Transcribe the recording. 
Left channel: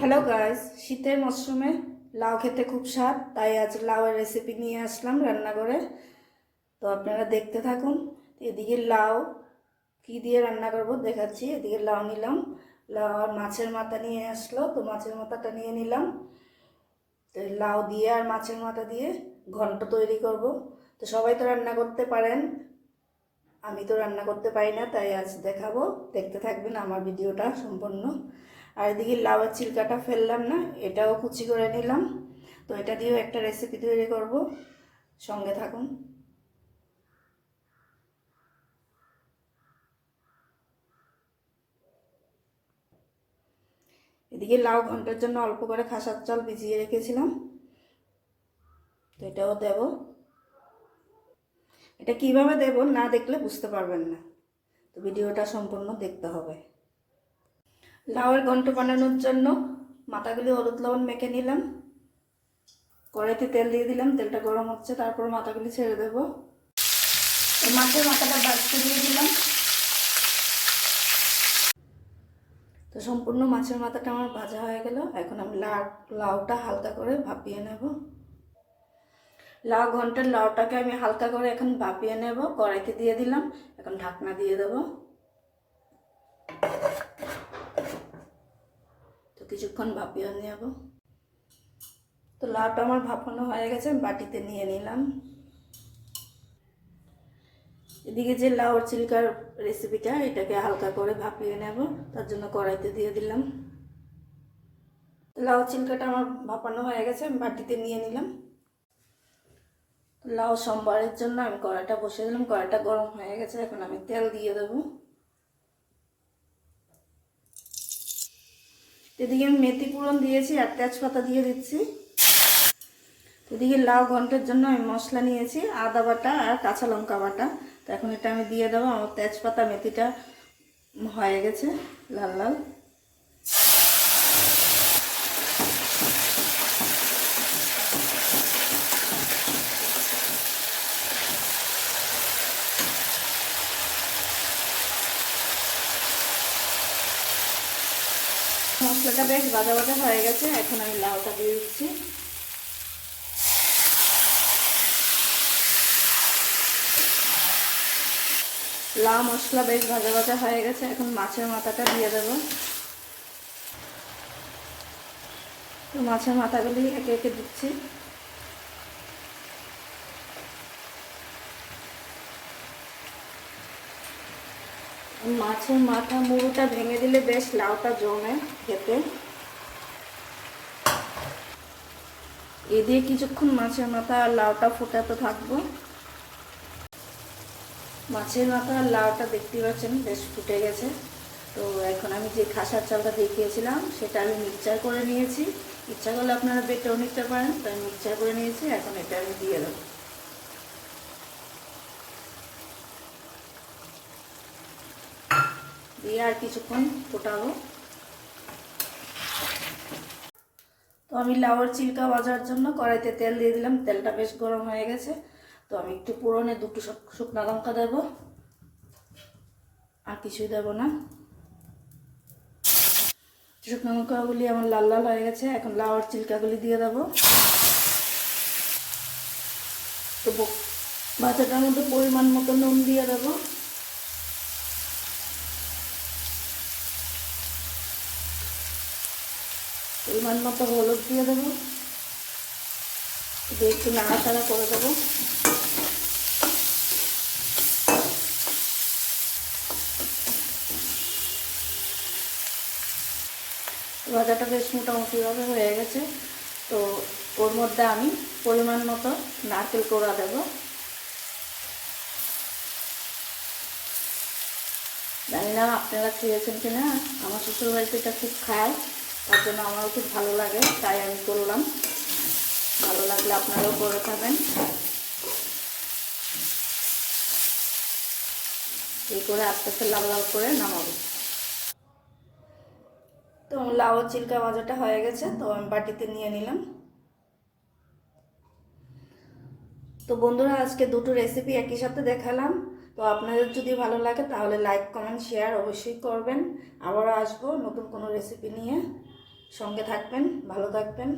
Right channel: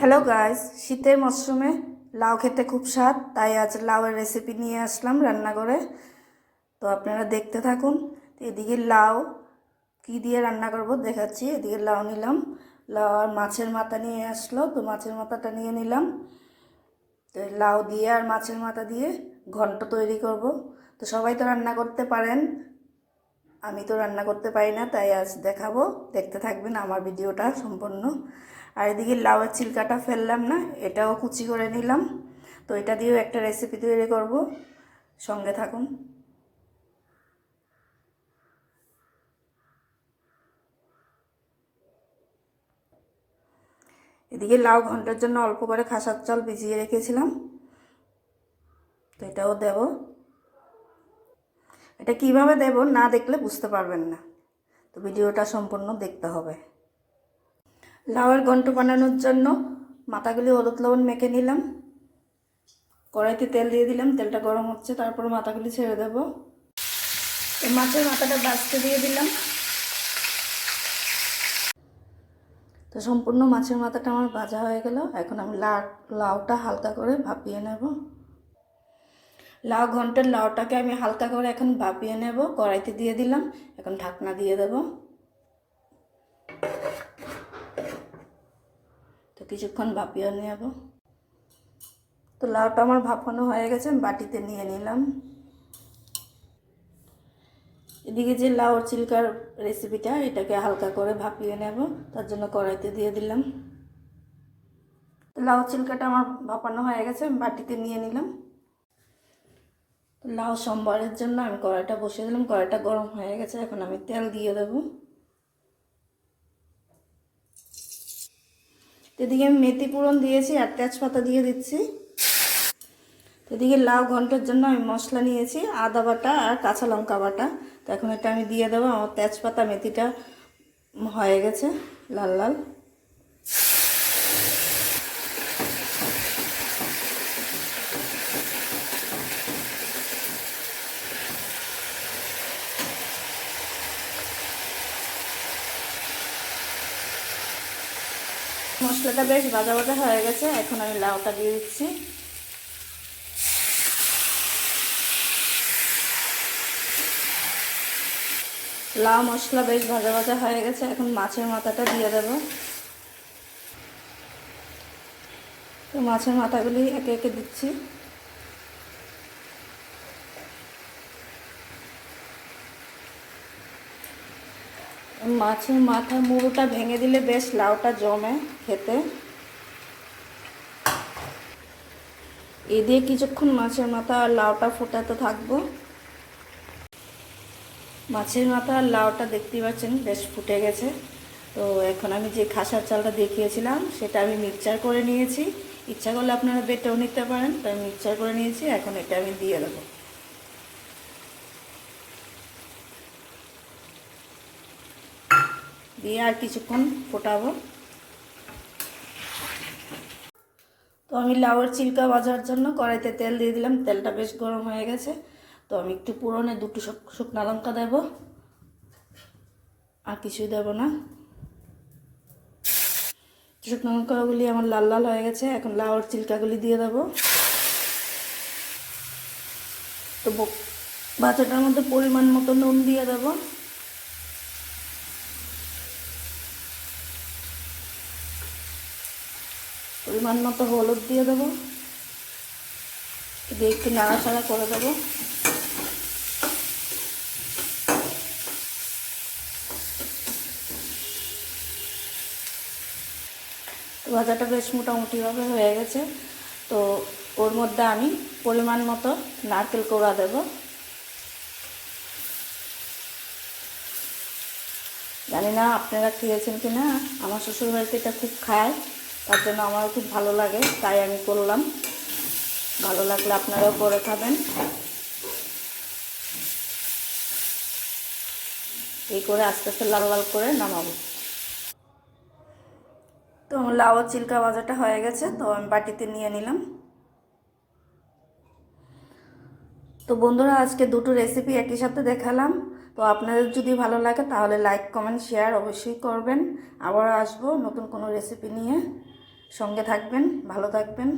Hello guys, শীতের মরশুমে লাউ খেতে খুব স্বাদ, তাই আজ লাউয়ের রেসিপি নিয়ে আসলাম রান্না করে। তো আপনারা দেখতে থাকুন। এদিকে লাউ কি দিয়ে রান্না করব দেখাচ্ছি। এদিকে লাউ নিলাম, লাউ আর মাছের মাথা নিয়ে আসলো, তো মাছের মাথাটা নিয়ে নিলাম। তো লাউ দিয়ে আর মাছের মাথা দিয়ে ঘন্ট তৈরি করব। তো সবাই তো রান্না করতে পারেন, আমি তো রান্না করতে পারি না, তাই আজ দেখাবো। দেখতে থাকবেন আমার ভিডিওটা সম্পূর্ণ। আর এদিকে লাউয়ের চিলকাটা ফেললাম না, এটাও কুচি করে নিলাম। তো এটা দিয়েও একটা রেসিপি তৈরি করব, সঙ্গে থাকুন। এদিকে লাউ ঘন্টার জন্য অল্প করে খাসার চাল ভিজিয়ে রেখেছিলাম, তো এটাও দেব। এটা কিভাবে দেব না দেখলে বুঝতে পারবেন না, তো ভিডিওটা সম্পূর্ণ দেখতে হবে। লাউয়ের ঘন্ট বানানোর জন্য মাথাগুলি হলুদ লবণ মেখে নিলাম। কড়াইতে তেল দিয়ে দিলাম, তেলটা গরম হচ্ছে, তারপর মাথাগুলি ছেড়ে দেব। মাছের মাথাটা ভাজতে দিয়ে দিলাম। তো সম্পূর্ণ মাছের মাথাটা আমার ভাজা হয়ে গেল। এখন আমি লাউটা হালকা করে ভাপিয়ে নেব। ঘন্টার লাউটাকে আমি হালকা করে এখন ভাপিয়ে নেব। কড়াইতে দিয়ে দিলাম, এখন ঢাকনা দিয়ে দেব। তো কিছুক্ষণ ভাপিয়ে নেব। তো লাউটা আমার ভাপানো হয়ে গেছে, আমি বাটিতে নিয়ে নিলাম। এদিকে যে লাউর চিলকার রেসিপিটা, এটাকে হালকা করে ভাপিয়ে নেব, তার জন্য কড়াইতে দিয়ে দিলাম। লাউ চিলকাটা আমার ভাপানো হয়ে গেছে, আমি বাটিতে নিয়ে নিলাম। লাউ সম্বরের জন্য আমি কড়াইটা বসিয়ে দিলাম, কড়াইটা গরম হয়ে গেছে, এখন আমি তেল দিয়ে দেব। এদিকে আমি মেথি ফোড়ন দিয়েছি আর তেজপাতা দিয়ে দিচ্ছি। এদিকে লাউ ঘন্টের জন্য আমি মশলা নিয়েছি, আদা বাটা আর কাঁচা লঙ্কা বাটা। তো এখন এটা আমি দিয়ে দেবো। আমার তেজপাতা মেথিটা হয়ে গেছে লাল লাল। মশলাটা বেশ ভাজা ভাজা হয়ে গেছে, এখন আমি লাউটা দিয়ে দিচ্ছি। লাউ মশলা বেশ ভাজা ভাজা হয়ে গেছে, এখন মাছের মাথাটা দিয়ে দেব। তো মাছের মাথাগুলি একে একে দিচ্ছি। মাছের মাথা মুড়োটা ভেঙে দিলে বেশ লাউটা জমে খেতে। এ দিয়ে কিছুক্ষণ মাছের মাথা আর লাউটা ফোটাতে থাকবো। মাছের মাথা আর লাউটা দেখতেই পাচ্ছেন বেশ ফুটে গেছে। তো এখন আমি যে খাসার চালটা দেখিয়েছিলাম সেটা আমি মিক্সচার করে নিয়েছি। ইচ্ছা করলে আপনারা বেটেও নিতে পারেন, তো আমি মিক্সচার করে নিয়েছি। এখন এটা আমি দিয়ে দেবো। দিয়ে আর কিছুক্ষণ ফোটাবো। তো আমি লাউয়ের চিলকা ভাজার জন্য কড়াইতে তেল দিয়ে দিলাম, তেলটা বেশ গরম হয়ে গেছে। তো আমি একটু পুরনে দুটো শুকনো লঙ্কা দেব, আর কিছুই দেব না। শুকনো লঙ্কাগুলি আমার লাল লাল হয়ে গেছে, এখন লাউয়ের চিলকাগুলি দিয়ে দেব। তো ভাজাটার মধ্যে পরিমাণ মতো নুন দিয়ে দেব। পরিমাণ মতো হলুদ দিয়ে দেবো, দিয়ে একটু নাড়াচাড়া করে দেবো। ভাজাটা বেশ মোটামুটিভাবে হয়ে গেছে। তো ওর মধ্যে আমি পরিমাণ মতো নারকেল কোড়া দেব। জানি না আপনারা খেয়েছেন কি না, আমার শ্বশুরবাড়িতে এটা খুব খায়, তার জন্য আমারও খুব ভালো লাগে, তাই আমি করলাম। ভালো লাগলে আপনারাও করে খাবেন। এই করে আস্তে আস্তে লাল লাল করে নামাবো। তো লাউ চিলকা ভাজাটা হয়ে গেছে, তো আমি বাটিতে নিয়ে নিলাম। তো বন্ধুরা, আজকে দুটো রেসিপি একই সাথে দেখালাম। তো আপনাদের যদি ভালো লাগে তাহলে লাইক কমেন্ট শেয়ার অবশ্যই করবেন। আবারও আসবো নতুন কোনো রেসিপি নিয়ে। সঙ্গে থাকবেন, ভালো থাকবেন।